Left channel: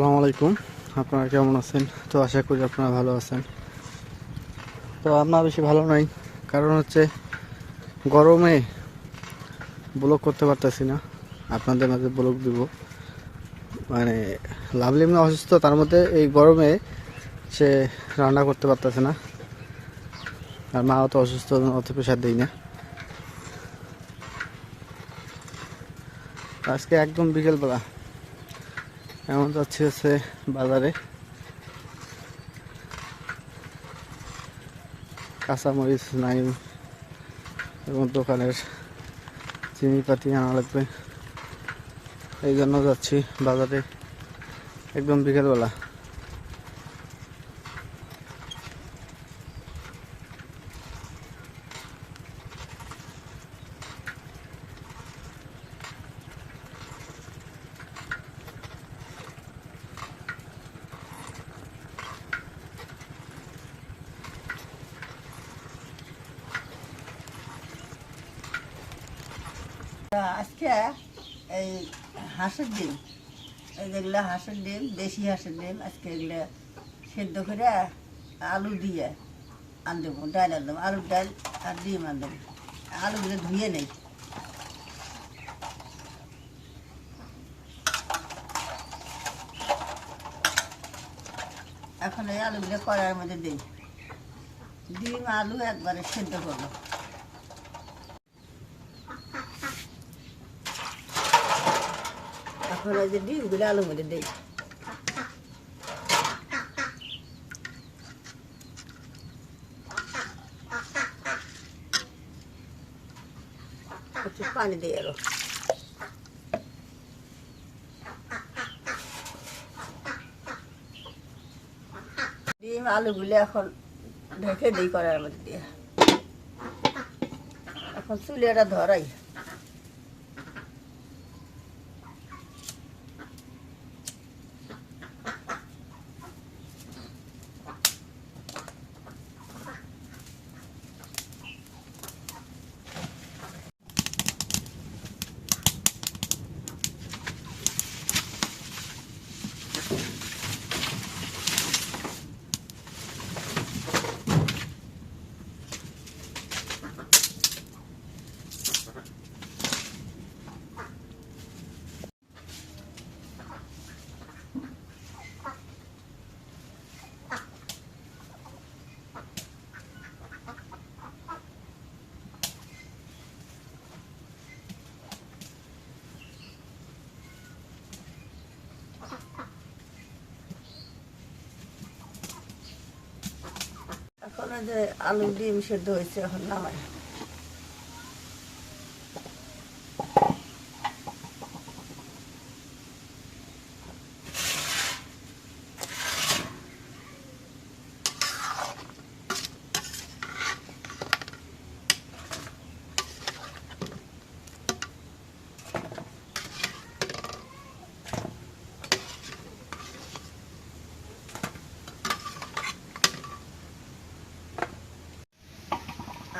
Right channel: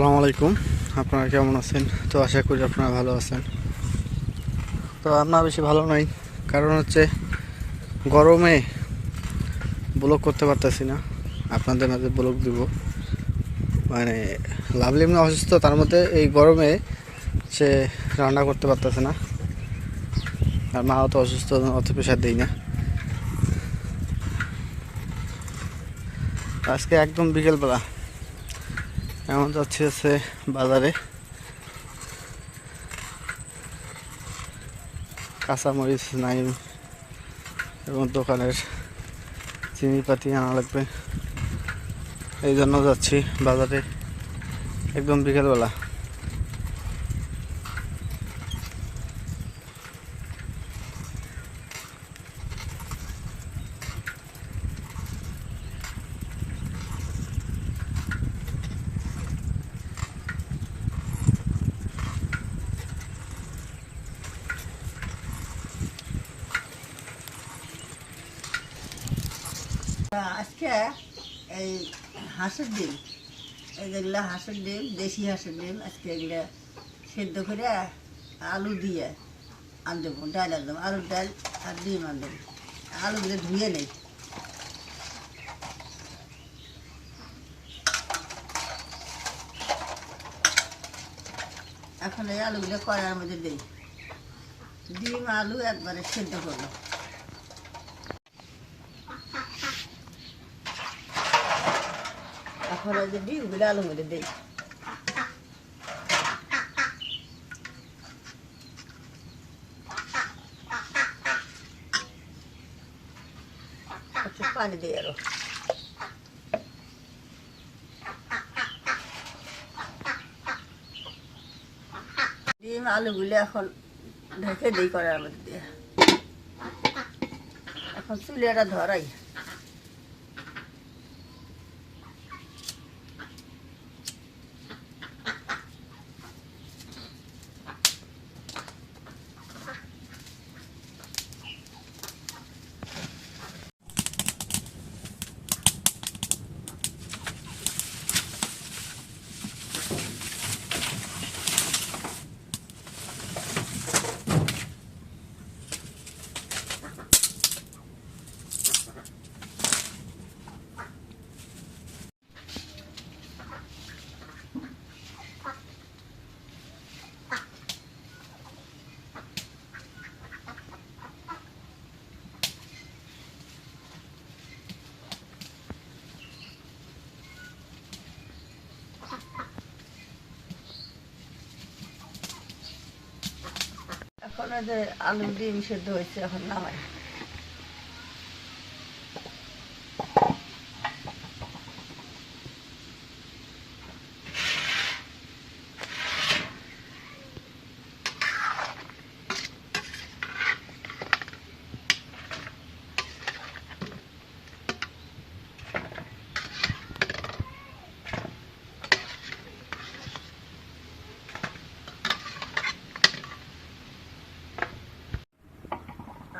আসসালামু আলাইকুম। আপনারা কেমন আছেন? তো আশা করি আপনারা ভালো আছেন। তো আমরা বেশি ভালো নাই, কারণ হচ্ছে গরমে ব্লগ করতে পারতেছি না। আপনাদের মাঝে ব্লগ দিব, মানে লাভলি এমনি অসুস্থ, তার মধ্যে এই গরমে সে রান্না করতে পারতেছে না। আর মাও তো অসুস্থ, অত প্রেশার দিই না। আজকে একদম বিকেলবেলা এমন যাচ্ছি হচ্ছে বাজারে। কাঁচামরিচ নাই এবং দোকানের চিনিপাতি আনা লাগবে, এই জন্য যাচ্ছি বাজারে একদম বিকেলবেলা। আজকে এই হাঁসের ডিম, যেগুলো হাঁসের ডিম, দেশি হাঁসের ডিম, আজকে এগুলো সেদ্ধ করে আলু দিয়ে আনদেবো, ডাল আনদেবো, আলুর ডাল আর ডিম আনদেবো। আলুগুলো ধুয়ে নেই, এখন এই আলুগুলো কড়াইয়ের মধ্যে দিই, ডিম আলু একবারে সেদ্ধ করবো। এখন ওই যে ডিমগুলো আলুর মধ্যে দিই, একটু পানি দিই আরো। ডিম আলুগুলো এখন ঢেকে দিই কড়াইয়ের মধ্যে দিয়ে। এখন চুলাটা ধরাই, এখন এই যে আলু ডিম সেদ্ধ হয়েছে, এখন নামাই।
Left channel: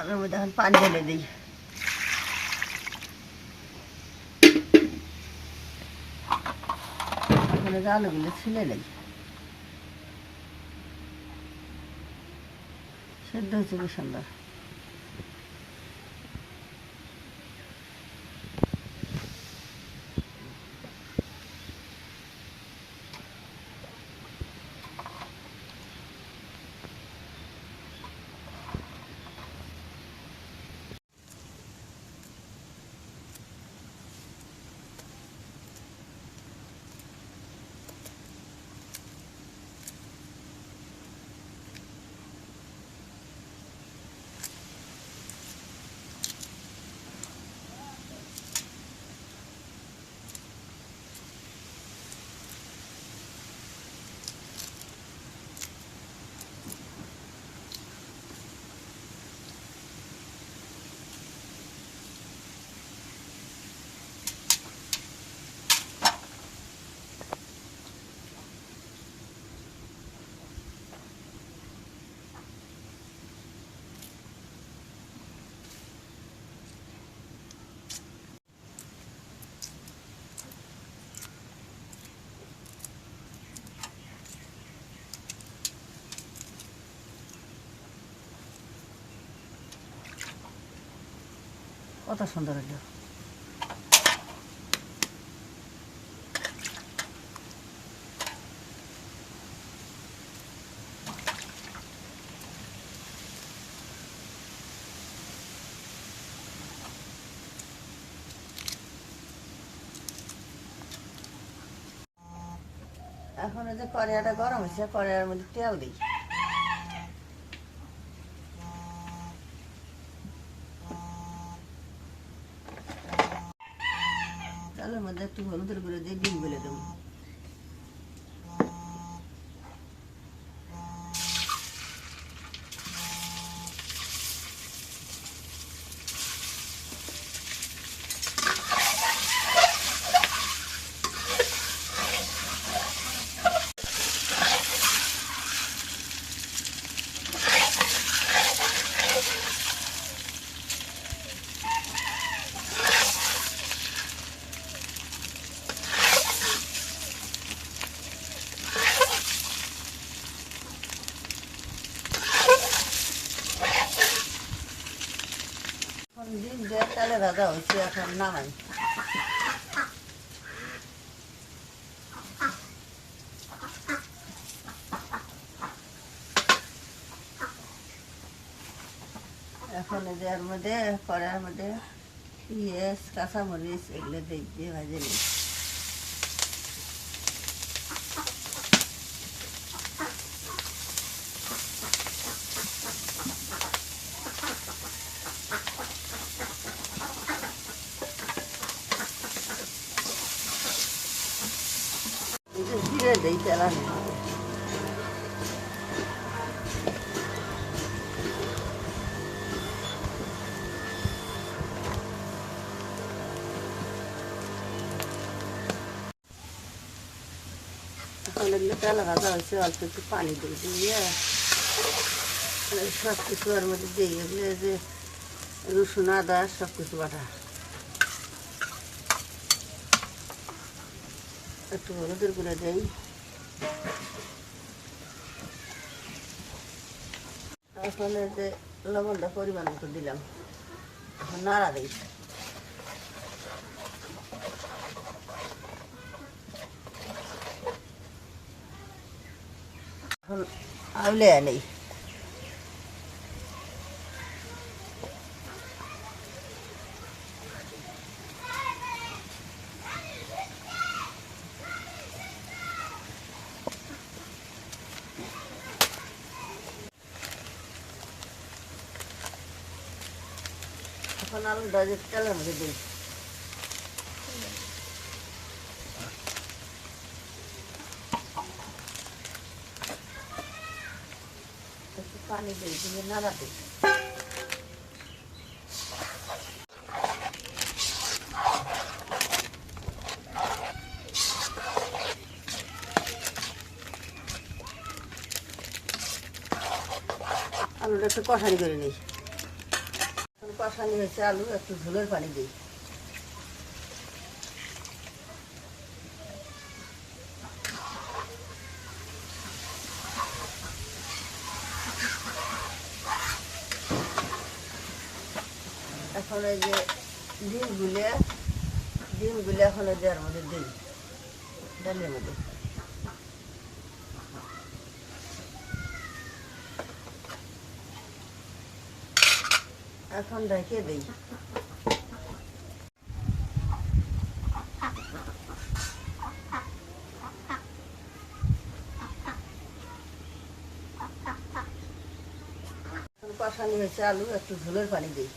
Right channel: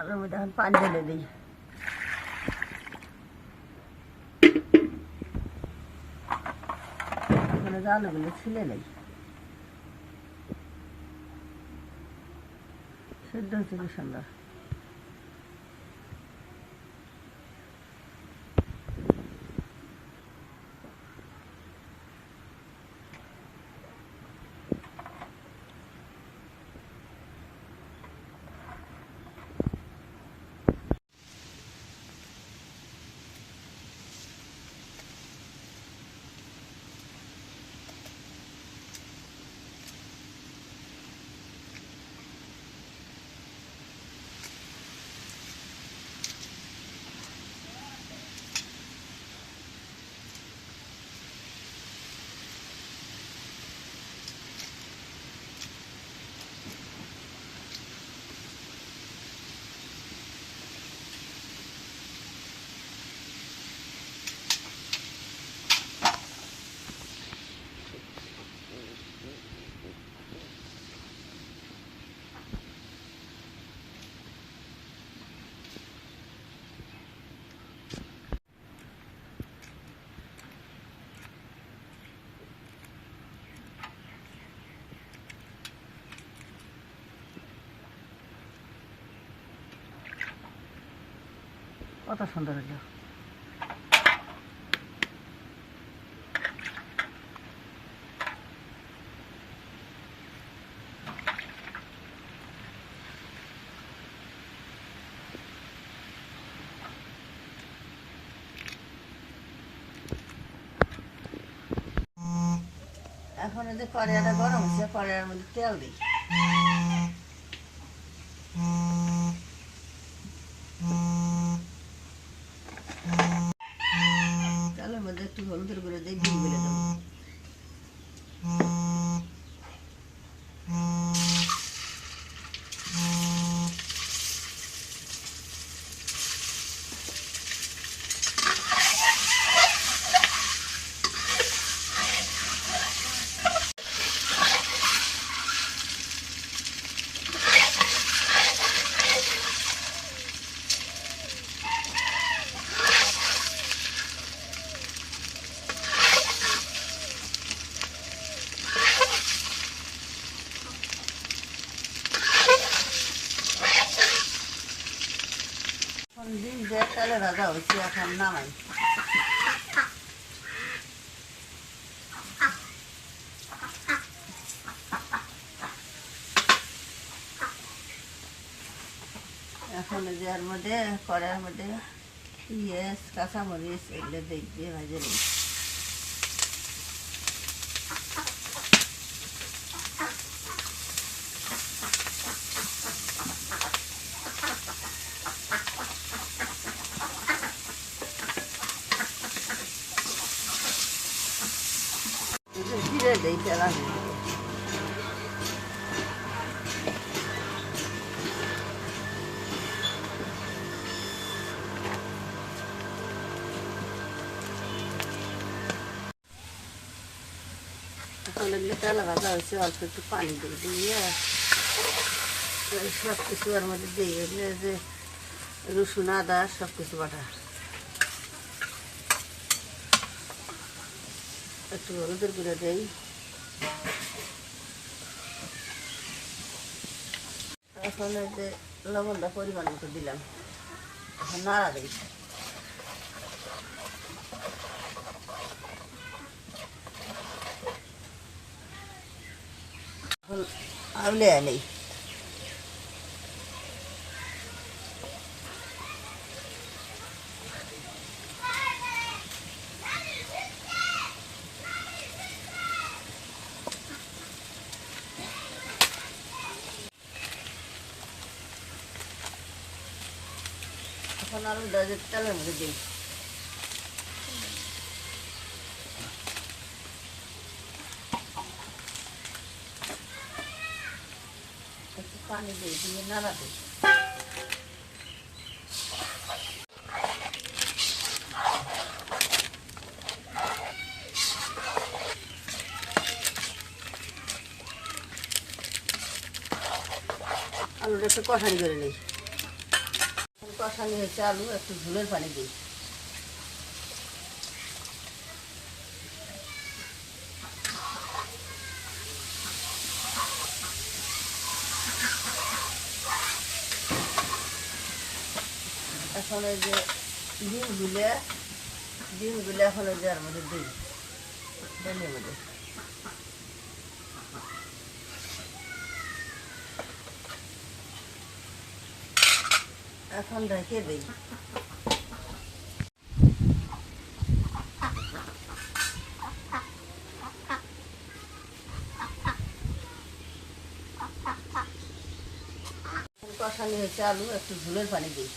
আলুর মধ্যে এখন পানি ঢেলে দিই, এখন এই যে আলুগুলো ছিলে নেই, সেদ্ধ হচ্ছে কি সুন্দর। কত সুন্দর হলো। এখন এই যে কড়াইটা গরম হচ্ছে, কড়াইয়ের মধ্যে তেল দিই। তেলের মধ্যে একটু হলুদের গুঁড়ো দিয়ে ডিম গুলে দেবো। ডিম দিয়ে তেলে ভাজা হচ্ছে, এখন নামাই। এখন এই যে এর মধ্যে কড়াইয়ের মধ্যে পেঁয়াজ কাঁচামরিচ এগুলো দিয়ে ভাজে নিই। জিরে দিই তেলার মধ্যে। এখন এগুলো তেল ভাজা হয়েছে, অল্প একটু পানি দিয়ে সব কিছু ওর মধ্যে দিয়ে এগুলো যে রসুন আদা সব কিছু বাটা, একটু হলুদের গুঁড়ো দিই। এখন এই যে লবণটা পরিমাণ মতো দিলাম, এখন নাড়া দিই। এখন আউলে নেই। এখন আলুটা যে তেলের মধ্যে দিই। একটু পানি দিই, দিয়ে নাড়া দিই। আলুটা একটু কষানি করে নিই। কষানি হয়েছে আলু, একটু ঝোলের পানি দিই। এখন এই যে ডিমগুলো এখন এই যে এর মধ্যে দিই, ডালের মধ্যে। এখন ঢেকে দিই। কষানি হয়েছে আলু, একটু ঝোলের পানি দিই।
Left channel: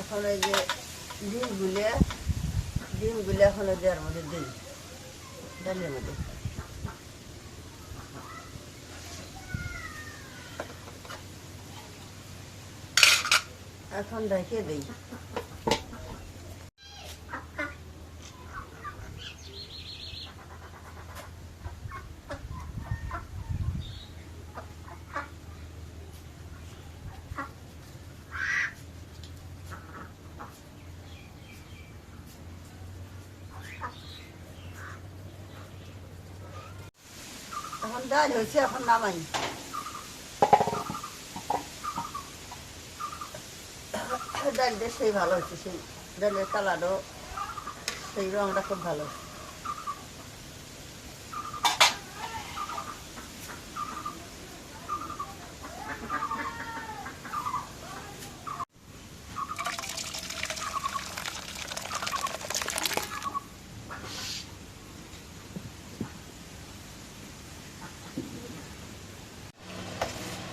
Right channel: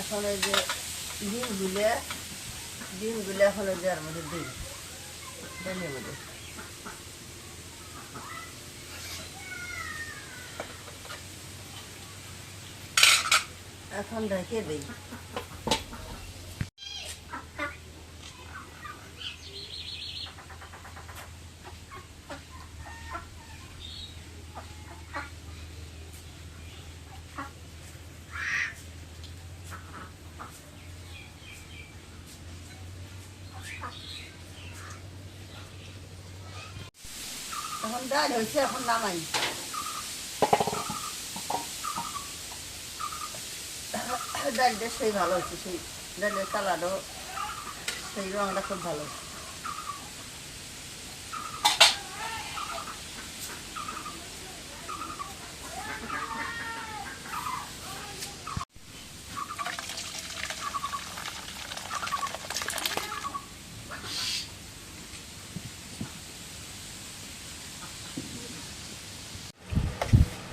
এখন এই যে ডিমগুলো এখন এই যে এর মধ্যে দিই, ডালের মধ্যে। এখন ঢেকে দিই। এখন ডাল হয়েছে, এখন নামাই। ডালটা সেই ভালো হচ্ছে, সেই ডালের কালারও সেই রঙটা খুব ভালো হচ্ছে।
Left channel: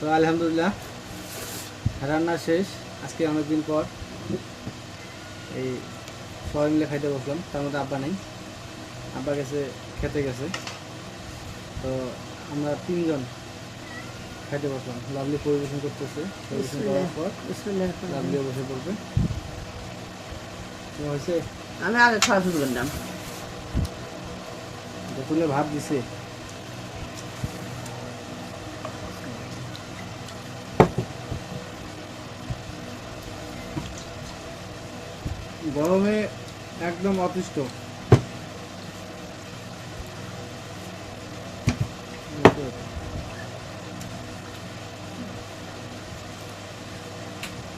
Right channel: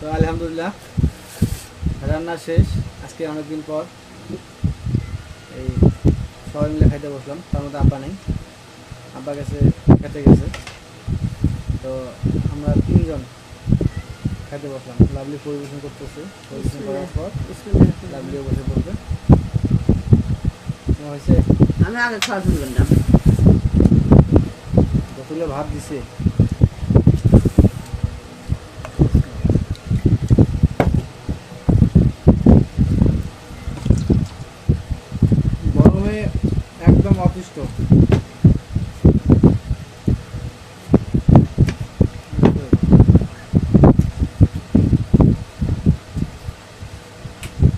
তো আলহামদুলিল্লাহ রান্না শেষ। আজকে অনেকদিন পর এই সবাই মিলে খাইতে বসলাম। তার মধ্যে আব্বা নাই, আব্বা গেছে খেতে গেছে। তো আমরা 3 জন খাইতে বসলাম। লাভলি পরিবেশন করতেছে, পরিবেশন করার পর লাভলিও বসে পড়বে। তোমার হয়েছে? আমি আগে খাওয়া শুরু করলাম। বোতলে ভাত দিছে। গরমে একদম অতিষ্ঠ।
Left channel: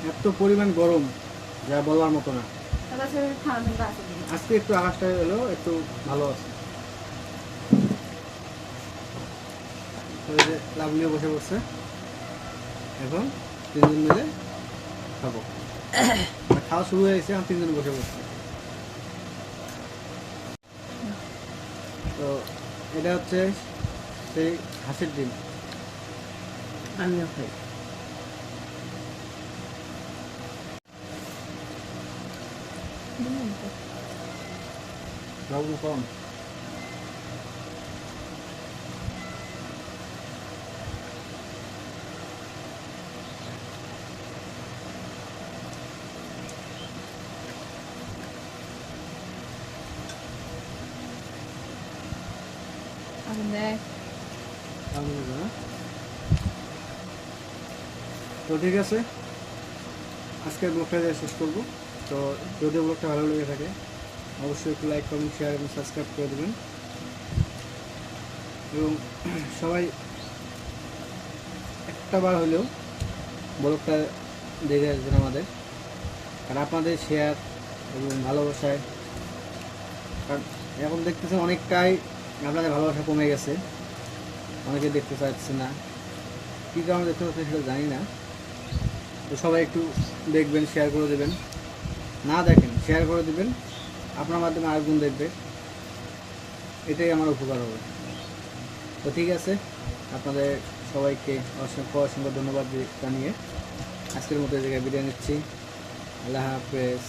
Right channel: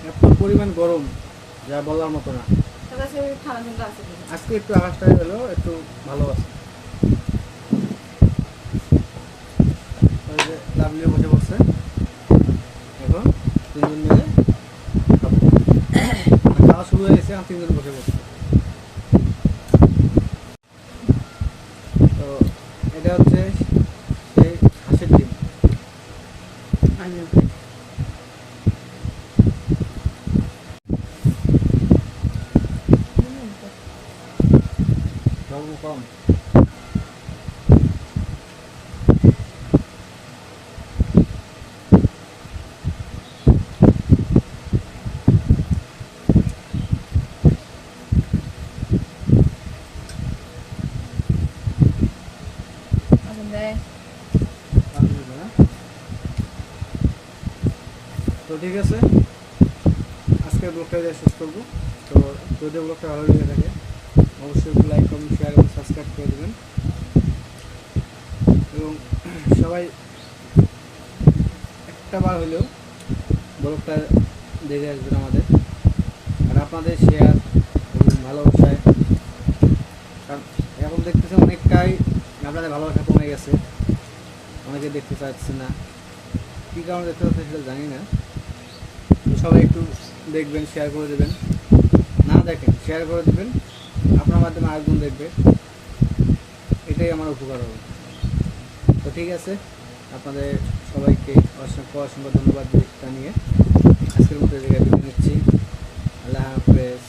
এত পরিমাণ গরম যা বলার মতো না। আজকে একটু আকাশটা হলো একটু ভালো আছে। লাভলিও বসে পড়ছে। এখন 3 জন মিলে খাবো। খাওয়া শুরু হয়ে গেছে, 3 জন বসে পড়ছে। তো এটা হচ্ছে সেই হাঁসের ডিম। আমিও লবণ কম। তো ঠিক আছে, আজকের ব্লগটা দিয়ে শেষ করবো। তো যদি ব্লগটা ভালো লেগে থাকে অবশ্যই একটু লাইক, কমেন্ট, শেয়ার এবং সাবস্ক্রাইব করে দেবেন। এবং সবাই একটা বার হলেও ব্লগটা দেখে আসবেন আমাদের। আর আপনাদের শেয়ার এবং ভালোবাসায়, কারণ এখন দেখতেছেন অনেকটাই আপনাদের ভালোবাসা কমে গেছে, অনেকে দেখতে চাচ্ছে না। কী কারণে দেখতে পাচ্ছে সেটা জানি না। তো সবাই একটু দেখবেন, শেয়ার করে দেবেন। না দেখেন, শেয়ার করে দেবেন, আপনার মাধ্যমে আরেকজন দেখবে, এটাই আমার উপকার হবে। তো ঠিক আছে, আপনাদের সবাইকে অসংখ্য ধন্যবাদ জানিয়ে আজকের মতো এই জায়গায় বিদায় নিচ্ছি। আল্লাহ হাফেজ।